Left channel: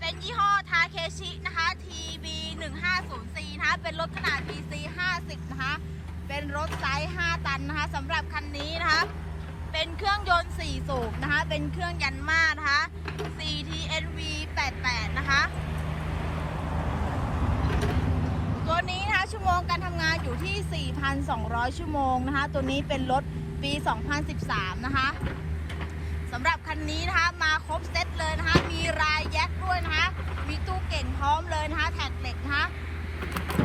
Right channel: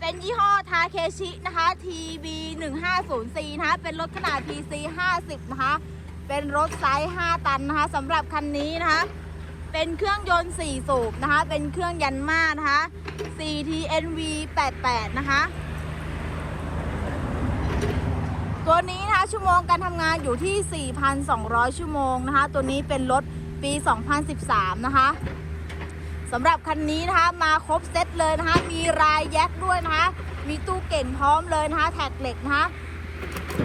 เป็นยี่ห้อทาเคชินะคะ TB 1 5 0 C นะคะ เป็นรถขนาด PC 50 นะคะ เป็นรถไซส์ 5 ตันนะคะสำหรับคันนี้นะคะ เป็นเครื่องยนต์ 4 สูบนะคะ เป็นเครื่องยันมานะคะ CTNV 88 นะคะ ตัวนี้นะคะชั่วโมงการทำงานอยู่ที่ 4,200 ชั่วโมงนะคะ ตัวนี้เป็นรถปี 2013 นะคะ สำหรับคันนี้นะคะมาครบเซตเลยนะคะ มีรายแยกด้วยนะคะ มีตู้เก่งพร้อมเลยนะคะ แท็กเหล็กนะคะ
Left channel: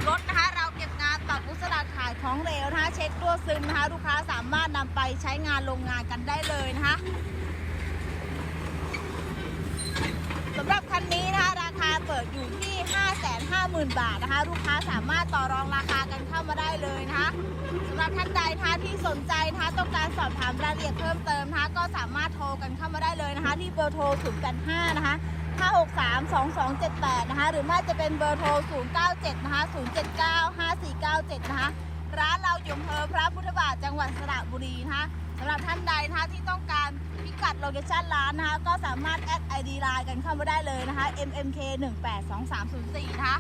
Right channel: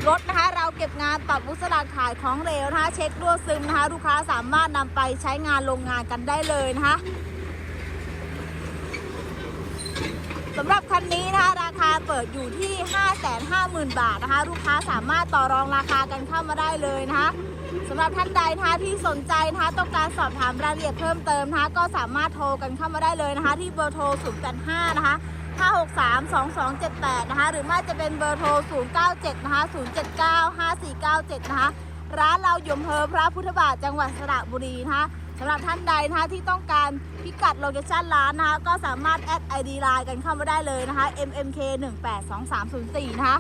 รถนะคะเราเก็บงานตัดวุสลาขายของเหลวนะคะ เช็ครั่วซึมนะคะ ลูกค้าสามารถนำไปใช้งานโรงงานกันได้เลยนะคะ สำหรับคันนี้นะคะราคาเปิดอยู่ที่ 550,000 บาทนะคะ ลูกค้าสามารถต่อรองราคากันเข้ามาได้เลยนะคะสำหรับท่านใดนะคะที่สนใจนะคะต้องการสอบถามรายละเอียดเพิ่มเติมนะคะ ก็สามารถโทรกันเข้ามาได้เลยนะคะ ที่เบอร์โทร085นะคะ5632278 นะคะ หรือไม่จะเป็นเบอร์โทร 097 นะคะ 079 5497 นะคะ ร้านเราอยู่อำเภอพระพุทธบาทจังหวัดสระบุรีนะคะ สำหรับท่านใดนะคะที่ต้องการพิกัดโลเคชั่นร้านนะคะก็สามารถแอดไอดีไลน์กันเข้ามาได้เลยนะคะ mmk 1 8 2 3 0 4นะคะ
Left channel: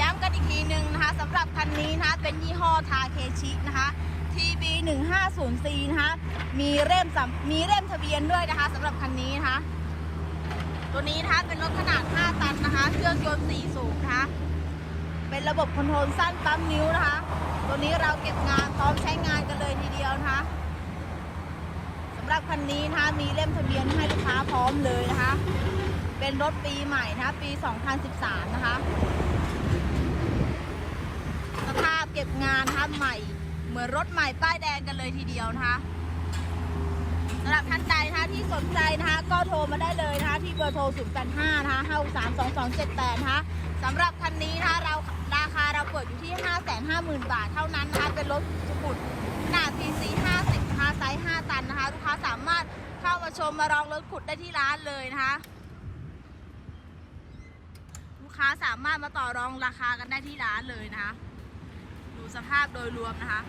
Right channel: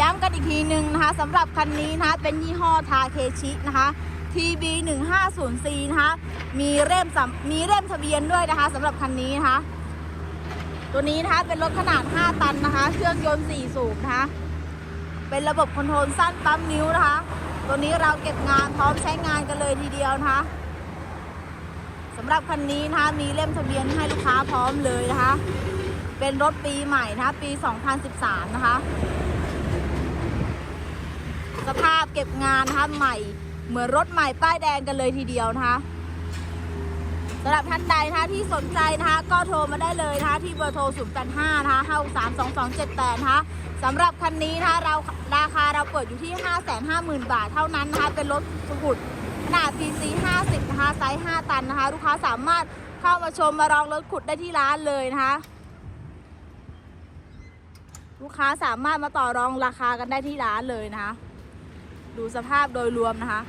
ย้ำกันอีกทีหนึ่งนะคะสำหรับคันนี้นะคะเป็นยี่ห้อทาเคชินะคะ TB 1 5 0 C นะคะมีเล่มมีเล่มทะเบียนด้วยนะคะสำหรับคันนี้นะคะตัวนี้นะคะเป็นรถขนาด 5 ตันนะคะ เครื่องยนต์4สูบนะคะ เป็นระบบคอนโทรลสั้นปั๊มนิ้วนะคะ ตัวนี้เราเก็บงานพร้อมใช้งานกันเลยทีเดียวนะคะสำหรับคันนี้นะคะมีเล่มทะเบียนให้ลูกค้าพร้อมเลยนะคะ เป็นรถปีใหม่นะคะปี 2013 นะคะ สภาพเก็บงานนะคะใหม่ เหมือนรถใหม่ป้ายแดงกันเลยทีเดียวนะคะสำหรับท่านใดนะคะที่สนใจนะคะก็โทรมาได้เลยนะคะที่เบอร์โทร 0 8 5 นะคะ 5 3 2 2 7 8 นะคะสำหรับคันนี้นะคะเรา ราคาเราเปิดอยู่ที่ 550,000 บาทเท่านั้นนะคะ เป็นรถขุดขนาด PC 50 นะคะ ไซส์ 5 ตันนะคะ ลูกค้าสามารถเข้ามาชมมาลองรถขุดได้ที่ร้านเลยนะคะ ลูกค้าสามารถมาต่อรองราคากันได้ที่ร้านเลยนะคะ ดูสภาพโดยรวมนะคะ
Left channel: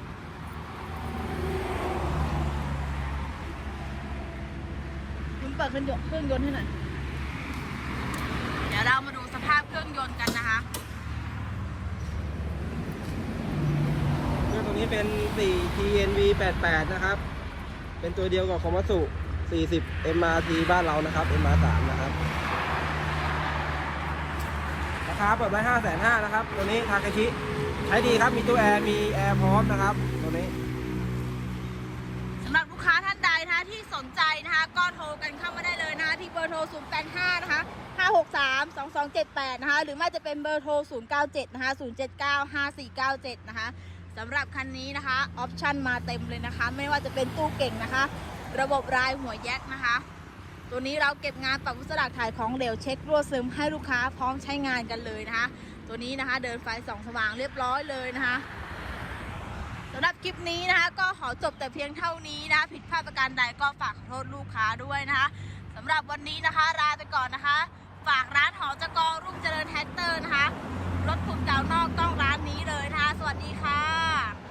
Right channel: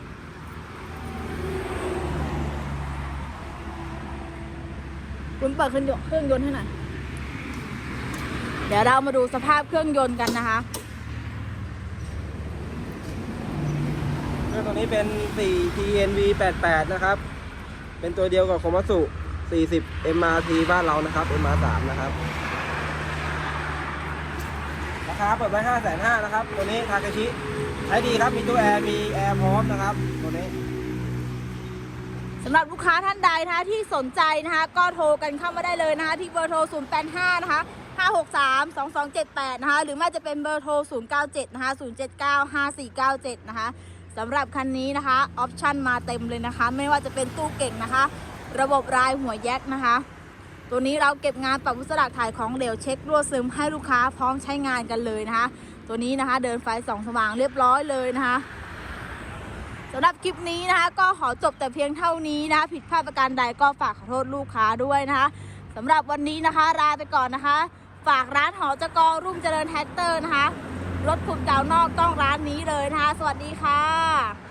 คุณเปิดเครื่องยนต์เครื่องยนต์ให้หน่อยเดี๋ยวเรามาดูสภาพเครื่องยนต์กันนะคะ ตัวนี้ เป็น4 TNV 88นะครับ เป็นตัวเดียวกับคอมัสุ40 MRT บ้านเรานะครับ MR3 นะครับ ราคาเปิดไว้5,500นะครับ ตัวนี้ทาเคชิ ใช้ดีครับ มีตู้แอร์ มีแอร์พร้อมนะครับ ตัวนี้สำหรับลูกค้าท่านใดนะคะที่สนใจนะคะ ก็โทรกันเข้ามาได้เลยนะคะ ที่เบอร์โทร 085 นะคะ 563 2278 นะคะ หรือไม่จะเป็นเบอร์โทร 097 นะคะ 079 5497 นะคะ สำหรับคันนี้นะคะออปชั่นมาเต็มเลยนะคะ ไม่ว่าจะเป็นตู้เก่งนะคะ ระบบรายหัวแยกนะคะ ตัวนี้เราเก็บงานปรับวุสลักถ่ายของเหลวเช็ครั่วซึมให้ลูกค้าพร้อมใช้งานกันเลยนะคะ ตัวนี้นะคะ เดินไฟสองสว่างเรียบร้อยเลยนะคะสำหรับคลิปนี้นะคะ ก็ขอจบแต่เพียงเท่านี้นะ ผิดพลาดประการใดก็ฝากขอโทษลูกค้าด้วยนะคะสำหรับวันนี้นะคะลาไปก่อนนะคะ ฝากร้านหอจกรรุ่งเจริญแท็กเตอร์นะคะ รถขุดดาวนอกต้องร้านนี้เลยนะคะ สวัสดีค่ะ